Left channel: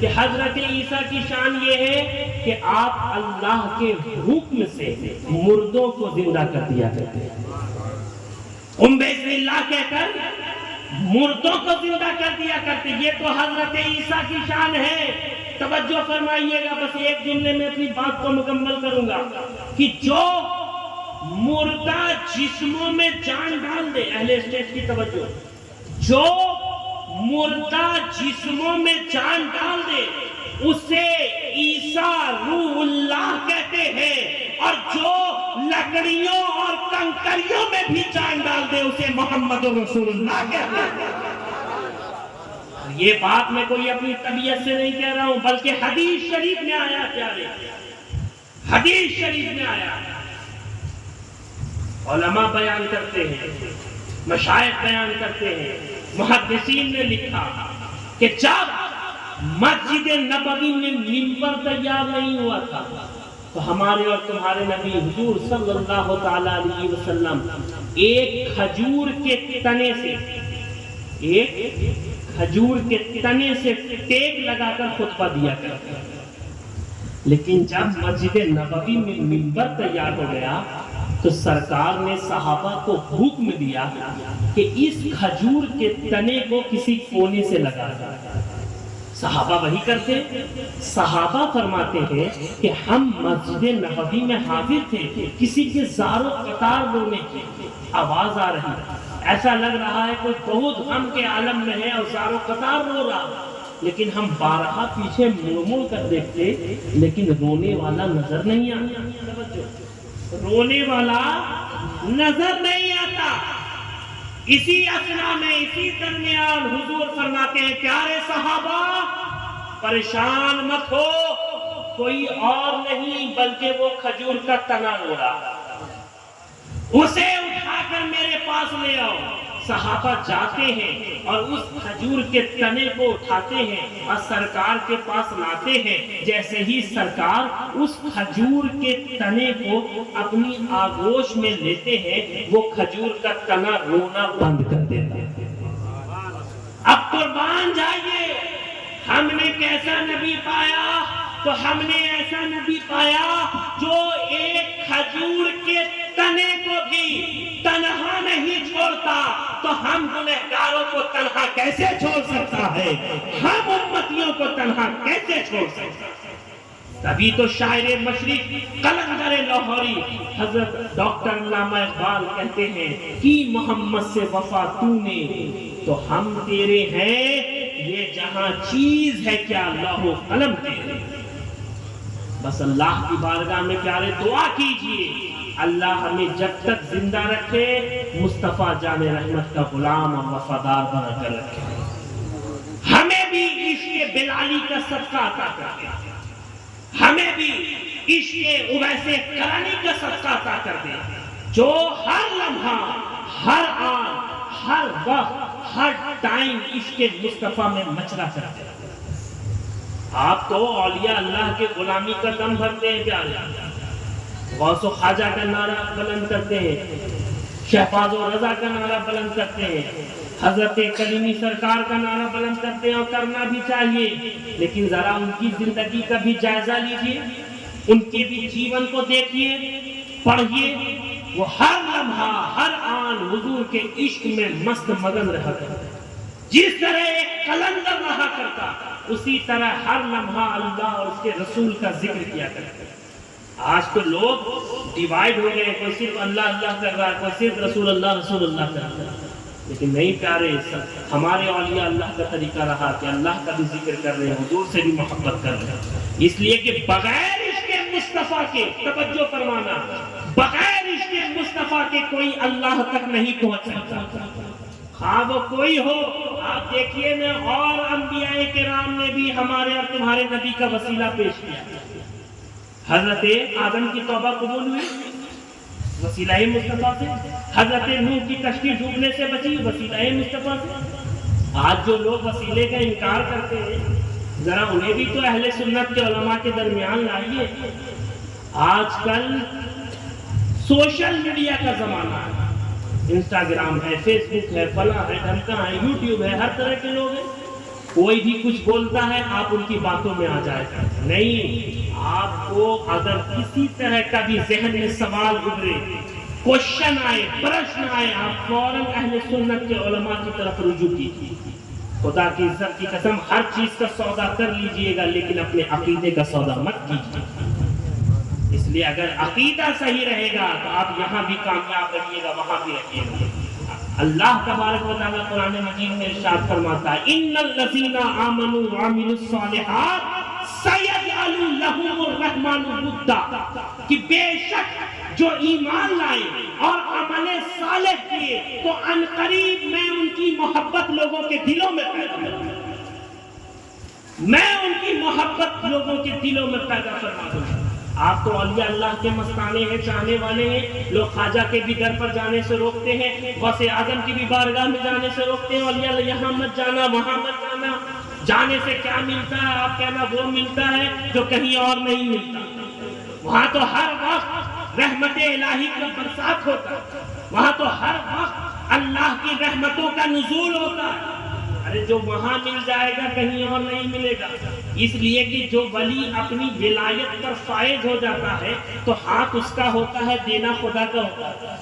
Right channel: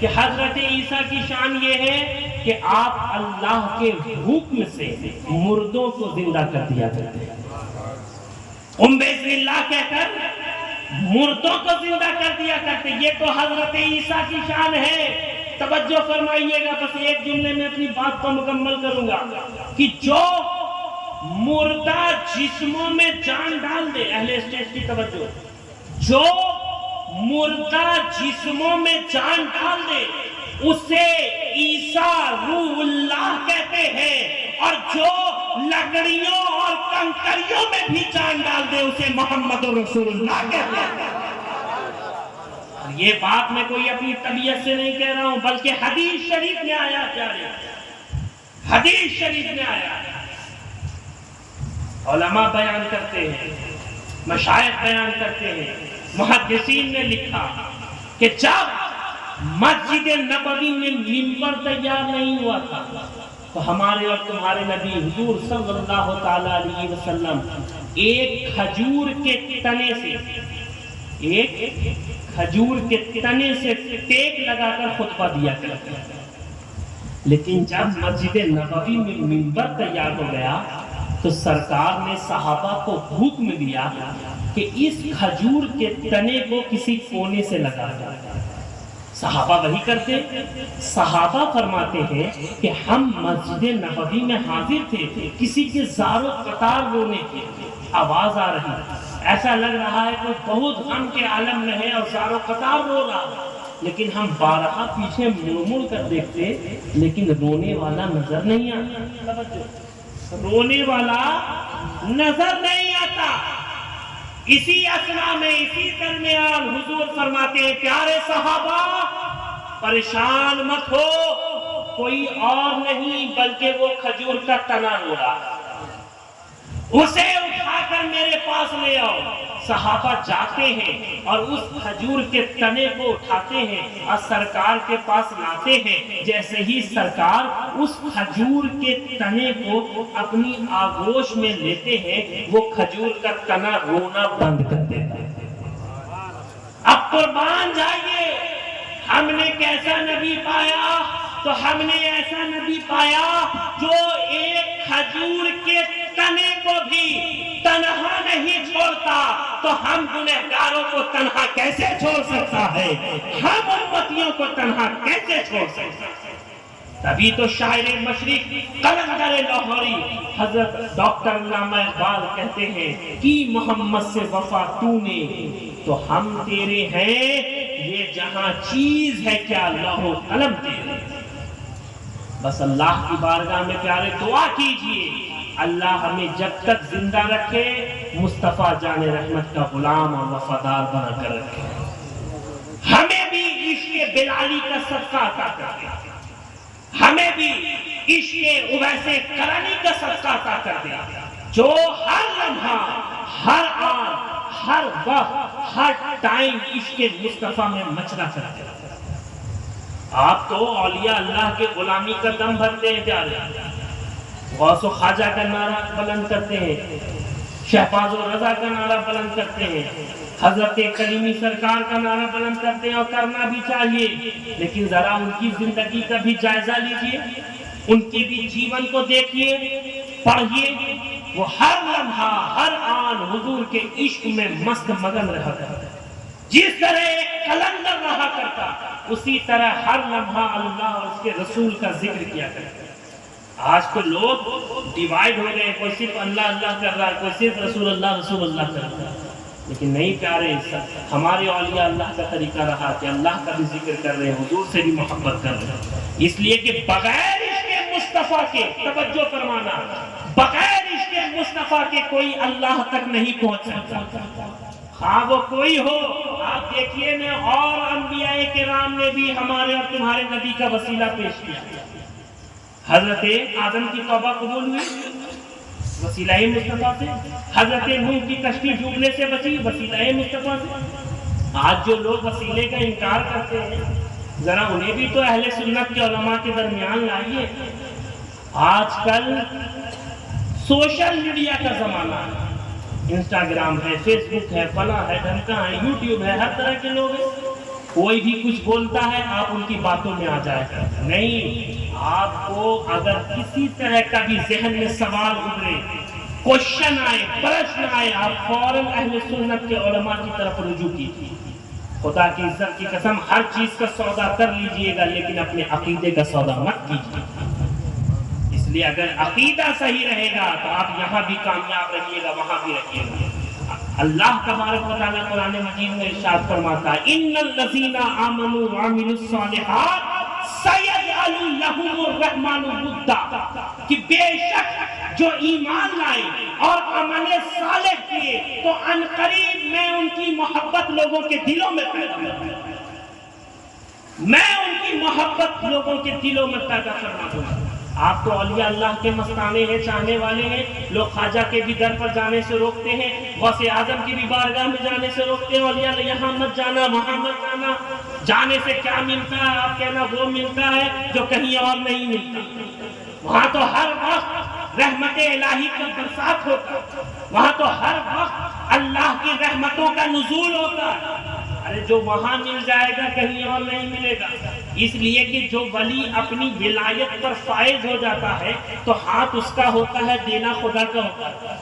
کہ حضرت عیسیٰ کی شان یہ ہے کہ آپ اللہ کے حکم سے مردوں کو زندہ کر دیا کرتے ہیں. بسم اللہ کہہ کر مردوں کو زندہ کر دیا کرتے. یہ تو حضرت عیسیٰ کی شان ہے. توجہ فرمائیے گا, بس ایک جملے میں اپنی بات کو مکمل کروں گا کہ جو مردہ جسموں میں جان ڈال دے, اہل اسٹیج کی توجہ, جو مردہ جسموں میں جان ڈال دے اسے عیسیٰ روح اللہ کہتے ہیں, اور جو لکڑیوں اور کنکریوں میں بھی جان ڈال دے اسے محمد رسول اللہ کہتے ہیں. یہ بات میں کوئی اپنی طبیعت سے نہیں کہہ رہا ہوں, بلکہ حدیث شریف میں آیا. پیارے حدیث شریف میں آیا. علماء بیان کرتے ہیں, مشائخ بیان کرتے ہیں, محدثین نے لکھا کہ جب مسجد نبوی میں منبر تیار نہیں ہوا تھا تو ہمارے اور تمہارے نبی حضور صلی اللہ تعالی علیہ وسلم ایک کھجور کے تنے سے ٹیک لگا کر خطبہ دیا کرتے ہیں. لیکن جب مسجد نبوی میں منبر تیار ہو گیا تو سرکار نے صحابہ کو حکم دیا کہ اس کھجور کے تنے کو کسی کونے سے لگا دو. صحابہ وہی کرتے. صحابہ فرماتے ہیں کہ ہم مسجد نبوی میں حاضر تھے, کسی کے زار و قطار رونے کی آواز آ رہی, ایسا لگ رہا ہے کوئی بہت غم کے عالم میں ہے اور زار و قطار رو رہا, لیکن ہم بارہا پیچھے مڑ کر دیکھتے لیکن رونے والا نظر نہیں آتا. رونے والا نظر نہیں آتا. اسی اثنا میں, اسی درمیان حضور فرماتے ہیں پیارے صحابہ پریشان مت ہو, کوئی اور نہیں بلکہ وہ کھجور کا تنا ہو رہا, اسے اٹھا کر میرے پاس لے آؤ. صحابہ جاتے ہیں اور اس کھجور کے تنے کو اٹھاتے ہیں اور سرکار کے پاس لاتے ہیں. جیسے ہی سرکار اس کھجور کے تنے کو اپنی آغوش میں لیتے ہیں وہ کھجور کا تنا رونا بند کر دیتا ہے. اب قربان جائیے, ہم نے کیسا نبی پایا؟ تو ہم نے ایسا نبی پایا جو ایک کھجور کے تنے کو بھی تنہا نہیں چھوڑتا. تو ہم گنہگاروں کو تنہا کیسے چھوڑ سکتا ہے؟ ہم امتیوں کو تنہا کیسے چھوڑ سکتا ہے؟ تبھی تو شاعر مشرق قلندر لاہوری حضرت ڈاکٹر علامہ اقبال کہتے ہیں کہ محمد سے وفا تو نے تو ہم تیرے ہیں, یہ جہاں چیز ہے کیا لوح و قلم تیرے. بس اللہ کی بارگاہ میں پیارے دعا کیجئے, اللہ ہمیں جب تک زندہ رکھے مصطفیٰ جان رحمت کا غلام اور وفادار بنا کر رکھے. ہمیں بھی عشق بلالی کا صدقہ عطا کر دے, ہمیں بھی عشق اویس کرنی کا صدقہ عطا کر دے, جو ہر لمحہ, ہر آن, ہر وقت, ہر ٹائم عشق مصطفیٰ میں مچلا کرتے. آپ تو اولیاء اللہ کے غلامی کا دم بھرتے ہیں پیارے, غوث و خواجہ کا نعرہ بلند کرتے ہیں, شہباز و رضا کا نعرہ بلند کرتے ہیں, حضرت کلیمی سرکار کا نعرہ بلند کرتے ہیں, اور کرنا بھی چاہیے. لیکن ذرا ان کی زندگی کا بھی جائزہ لیجئے, ان کے بھی جیون کو دیکھیے, پڑھیے. وہ ہر لمحہ, ہر آن حضور کے عشق میں مست مگن رہا کرتا. جس طرح ایک قلندر رہا کرتا اسی طرح ہر لمحہ اللہ اور اس کے رسول کا ذکر کیا کرتا. آج تو لوگ ڈیوائیڈ ہو گئے, کوئی صرف اللہ اللہ کر رہا ہے, کوئی صرف رسول اللہ کر رہا ہے. لیکن نہیں پیارے, ہمارے اولیاء اللہ کا طریقہ رہا کہ اللہ کا بھی ذکر کر رہے ہیں, حضور سے بھی محبت کر رہے ہیں. اس لیے کہ بغیر عشق مصطفیٰ کے, توجہ فرمانا, بغیر عشق مصطفیٰ کے کوئی اللہ تک نہیں پہنچ سکتا, خواہ وہ کوئی ہو. آپ دیکھیے میں اور انبیاء کرام نے بھی ہمارے اور تمہارے نبی کا وسیلہ پیش کیا. حضرت آدم کی توبہ قبول ہوئی وسیلہ مصطفیٰ سے, حضرت نوح کی کشتی ڈوبنے سے بچی وسیلہ مصطفیٰ سے. آج جو لوگ وسیلے کا انکار کرتے ہیں ذرا انہیں بھی تو اہل سنت کے علماء کے درمیان لائیے. آج کل سوشل میڈیا کا زمانہ ہے, انسٹاگرام ہے, فیس بک ہے, فلاں ہے, ڈھمکا ہے, یوٹیوب ہے, ہر طرح کے لوگ ہیں. کوئی بھی کچھ بولتا ہے آپ ان کی باتوں میں آ جائے، نہیں، آپ کو اگر کسی طرح کا بھی ذہن میں سوال ابھرے، کوشچن آئے، پرشن آئے، آپ فوراً اہل سنت کے علماء کی طرف رجوع کیجیے۔ خدا کی عزت کی قسم ہر چیز کا سودا کر لیجئے گا، لیکن اپنے عقیدے کا سودا مت کیجیے۔ اس لیے اگر عقیدہ صحیح رہے گا تو آپ یہاں بھی کامیاب رہیے گا، وہاں بھی رہیے گا۔ اللہ تبارک و تعالیٰ قرآن مجید میں ارشاد فرماتا ہے ان الذین آمنوا وعملوا الصالحات سیجعل لهم الرحمن ودا، کہ بے شک جو ایمان لائے اور عمل صالح کیے تو ان قریب میں ان کی محبت لوگوں کے دلوں میں پیدا کروں گا، میں ان کی محبت لوگوں کے دلوں میں پیدا کرنا دوں گا۔ آپ تو اولیاء اللہ کے مستانے ہیں، چاہنے والے ہیں، لوگ خواجہ کے بھی در پر جانے سے روکتے ہیں، غوث اعظم کی بھی بارگاہ میں جانے سے روکتے ہیں، اولیاء اللہ یہاں مت جانا، وہاں مت جانا، جانے سے کیا ملتا ہے؟ آپ کہنا وہ ملتا ہے جو کہیں اور نہیں ملتا۔ وہاں تو ہر وقت رحمت الہی کا برسات ہوتا ہے، وہاں تو ہر وقت اللہ کی رحمتوں کا نزول ہوتا ہے۔ ارے جو وہاں مل جائے گا کہیں اور نہیں ملے گا، اس لیے کہ جو ولی اپنی ولایت پر فائز ہو جاتا ہے تو ہاتھ اس کا ہوتا ہے، دینا خدا کا ہوتا ہے،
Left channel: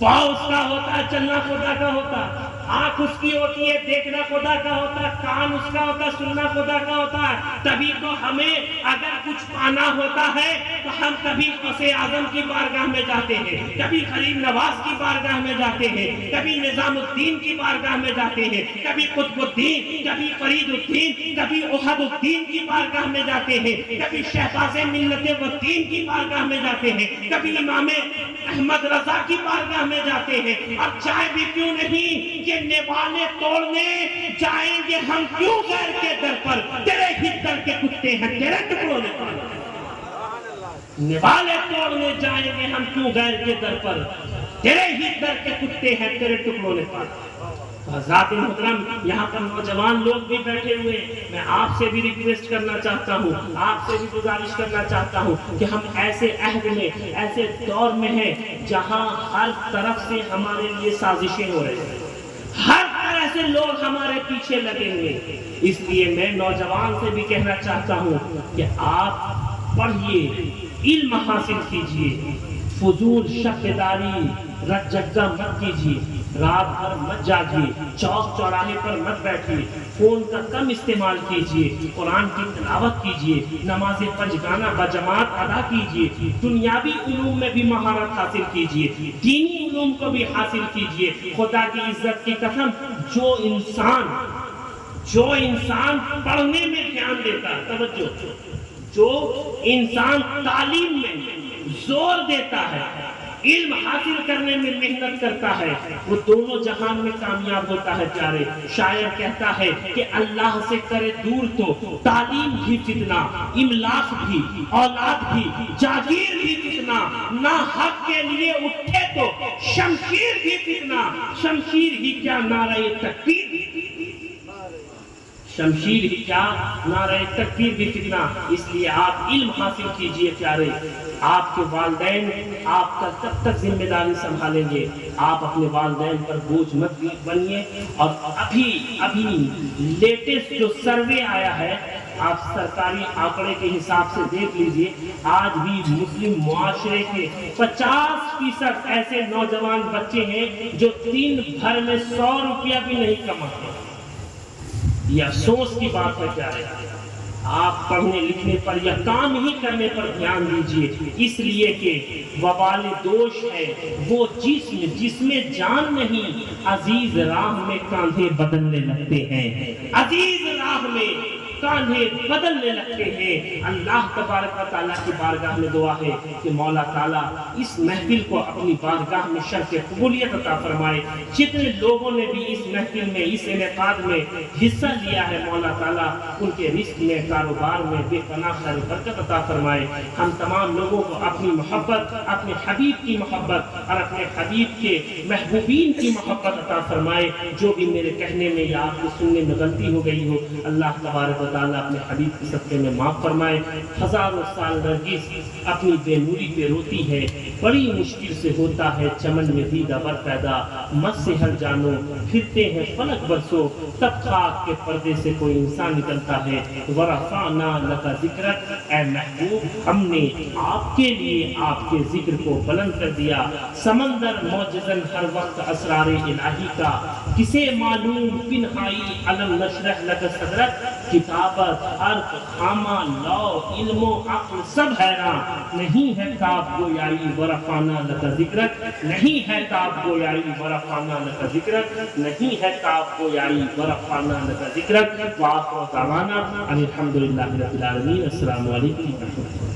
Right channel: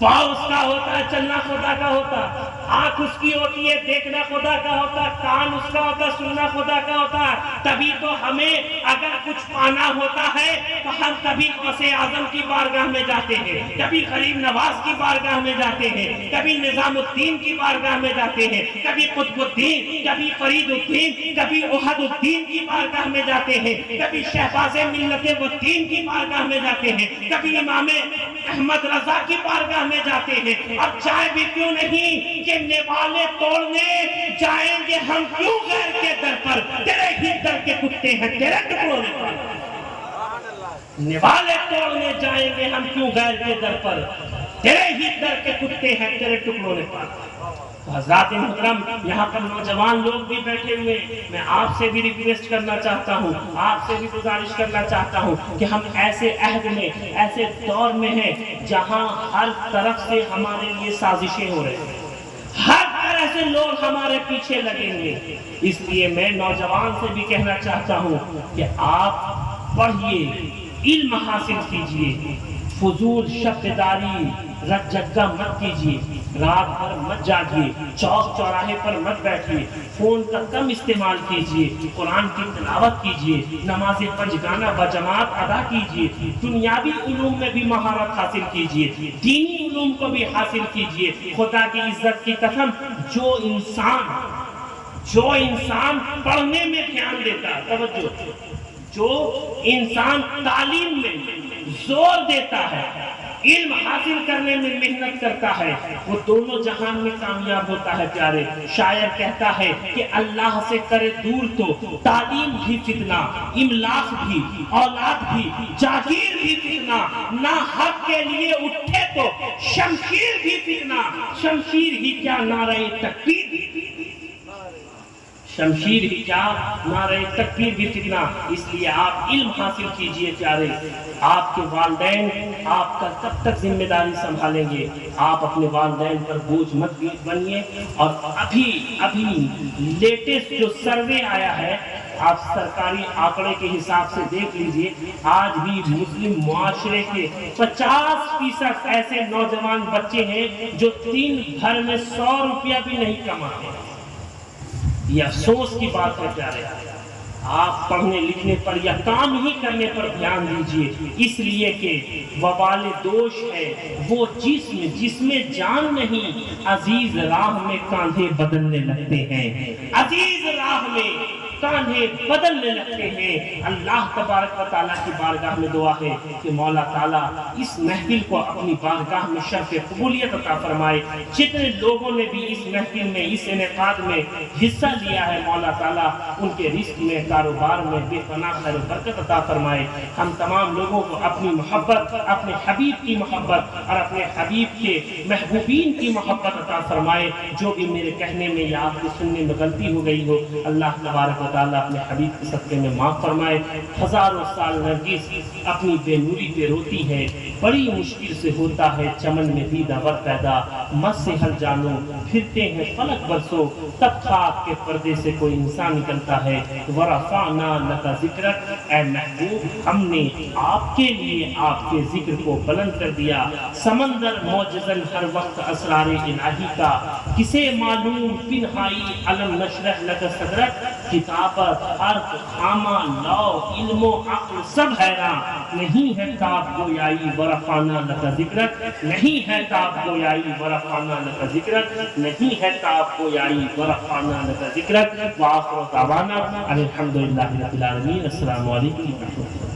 پاؤں اس کا ہوتا ہے، چلنا خدا کا ہوتا ہے، آنکھ اس کی ہوتی ہے، دیکھنا خدا کا ہوتا ہے، کان اس کا ہوتا ہے، سننا خدا کا ہوتا ہے۔ تبھی تو ہمیں اگر کچھ پانا ہوتا ہے تو ہم کبھی غوث اعظم کی بارگاہ میں جاتے ہیں، کبھی غریب نواز کی بارگاہ میں جاتے ہیں، کبھی نظام الدین کی بارگاہ میں جاتے ہیں، کبھی قطب الدین، کبھی فرید الدین، کبھی احد الدین کی بارگاہ میں جاتے ہیں، کبھی شہباز ملت الدین کی بارگاہ میں جاتے ہیں، کبھی امام احمد رضا کی بارگاہ میں جاتے ہیں۔ اب جائے بھی کیوں نہیں کہ نوالے توڑنے جائیں گے ہم کیوں غیر کے در پر، تیرے ہی در کے کتے ہیں تیرے ٹکڑوں نے پا، نوالے توڑنے جائیں گے ہم کیوں غیر کے در پر، تیرے ہی در کے کتے ہیں تیرے ٹکڑوں نے پا۔ حضرات محترم، یہاں پر نوجوان لوگ بھی بیٹھے ہوئے، میں آپ سے بھی ریکویسٹ کرنا چاہتا ہوں، آپ سے بھی گزارش کرنا چاہتا ہوں کہ ہم ایسے عہد میں، ایسے دور میں ہیں جہاں ہر طرف سے ہمارے لیے سازشیں ہو رہی ہیں، ہر طرح سے لوگ ہمارے پیچھے لگے ہوئے۔ اس لیے میں نوجوان سے بھی کہنا چاہتا ہوں کہ آپ پڑھیے، علم حاصل کیجیے، فضول شبداری رت جگہ مت کیجیے، رات بھر مت جاگیے، چوک چوراہے پر مت بیٹھیے، فون کا کم استعمال کیجیے، قرآن کی تلاوت کیجیے، نماز پنجگانہ بجماعت ادا کیجیے، دنیاوی علوم میں بھی مہارت حاصل کیجیے، دینی علوم کو بھی حاصل کیجیے۔ خدا کی عزت کی قسم جو انسان پڑھنے میں دھیان دیتا ہے، توجہ، جو انسان تعلیم میں زور دیتا ہے، علم حاصل کرنے میں محنت کرتا ہے، وہ دونوں جہان میں کامیاب ہوتا ہے۔ پیارے شاعر کہتا ہے کہ اللہ سے کرے دور تو تعلیم بھی فتنہ، املاک بھی، اولاد بھی، جاگیر بھی فتنہ، نہ حق کے لیے اٹھے تو شمشیر بھی فتنہ، شمشیر ہی کیا نعرہ تکبیر بھی، شمشیر ہی کیا نعرہ تکبیر بھی فتنہ۔ اس لیے آپ علم حاصل کیجئے پیارے، آپ کے والدین آپ کا کب تک ذمہ داری سنبھالیں گے؟ آپ اپنے والدین پر بوجھ مت بنیے۔ اور ابھی لیٹسٹ جو سروے آیا ہے، آپ سرکاری آنکڑے کے حساب سے دیکھ لیجئے، آج بھی مسلم معاشرے کے 50% ایسے نوجوان بچے ہیں جو دن بھر میں 100 روپیہ بھی نہیں کماتے۔ یہ افسوس کی بات ہے پیارے، آپ پڑھنے لکھنے پر یا کام ہی کرنے پر دھیان دیجیے، اس لیے کہ وبال دوش ہے وہ جس میں جان نہیں، عزیز راہ میں کاندھے بدلنے لگتے ہیں، عزیز راہ میں کاندھے بدلنے لگتے ہیں۔ اللہ تبارک و تعالیٰ کی بارگاہ میں دعا ہے کہ مولا تعالیٰ اس محفل کو اپنی بارگاہ میں شرف قبولیت عطا فرمائے۔ جتنے لوگوں نے بھی اس محفل میں، اس انعقاد میں حصہ لیا ہے، مولا تعالیٰ ان کے رزق میں، کاروبار میں بے پناہ خیر و برکت عطا فرمائے۔ ہم تمام لوگوں کو اپنی محبت، اپنے حبیب کی محبت اور اپنے حبیب کے محبوبین کی محبت عطا فرمائے۔ جو بھی میرے کہنے میں یا آپ کے سننے میں غلطی ہو گئی ہو، اللہ تبارک و تعالیٰ اپنے حبیب کے صدقے میں معاف فرمائے. ہزاروں سال نرگس اپنی بے نوری پہ روتی ہے, بڑی مشکل سے ہوتا ہے چمن میں دیدہ ور پیدا, مت سے ہر جانو پھرتے ہیں فلک برسوں, تب خاک کے پردے سے کوئی انسان نکلتا ہے. ورفعنا لک ذکرک, اے محبوب ہم نے آپ کے لیے آپ کے ذکر کو بلند کر دیا. سمندر موجزن ہر وقت اسرار الہی کا, کسے معلوم پنہائی علم نشرح لک صدرک. کتابت حرف خامہ لو علم و عقل سب حیران, نہیں ہے تاب گویائی ورفعنا لک ذکرک, نہیں ہے تاب گویائی ورفعنا لک ذکرک, نہیں ہے تاب گویائی ورفعنا لک ذکرک. وآخر دعوانا الحمدللہ رب العالمین. السلام علیکم ورحمۃ اللہ.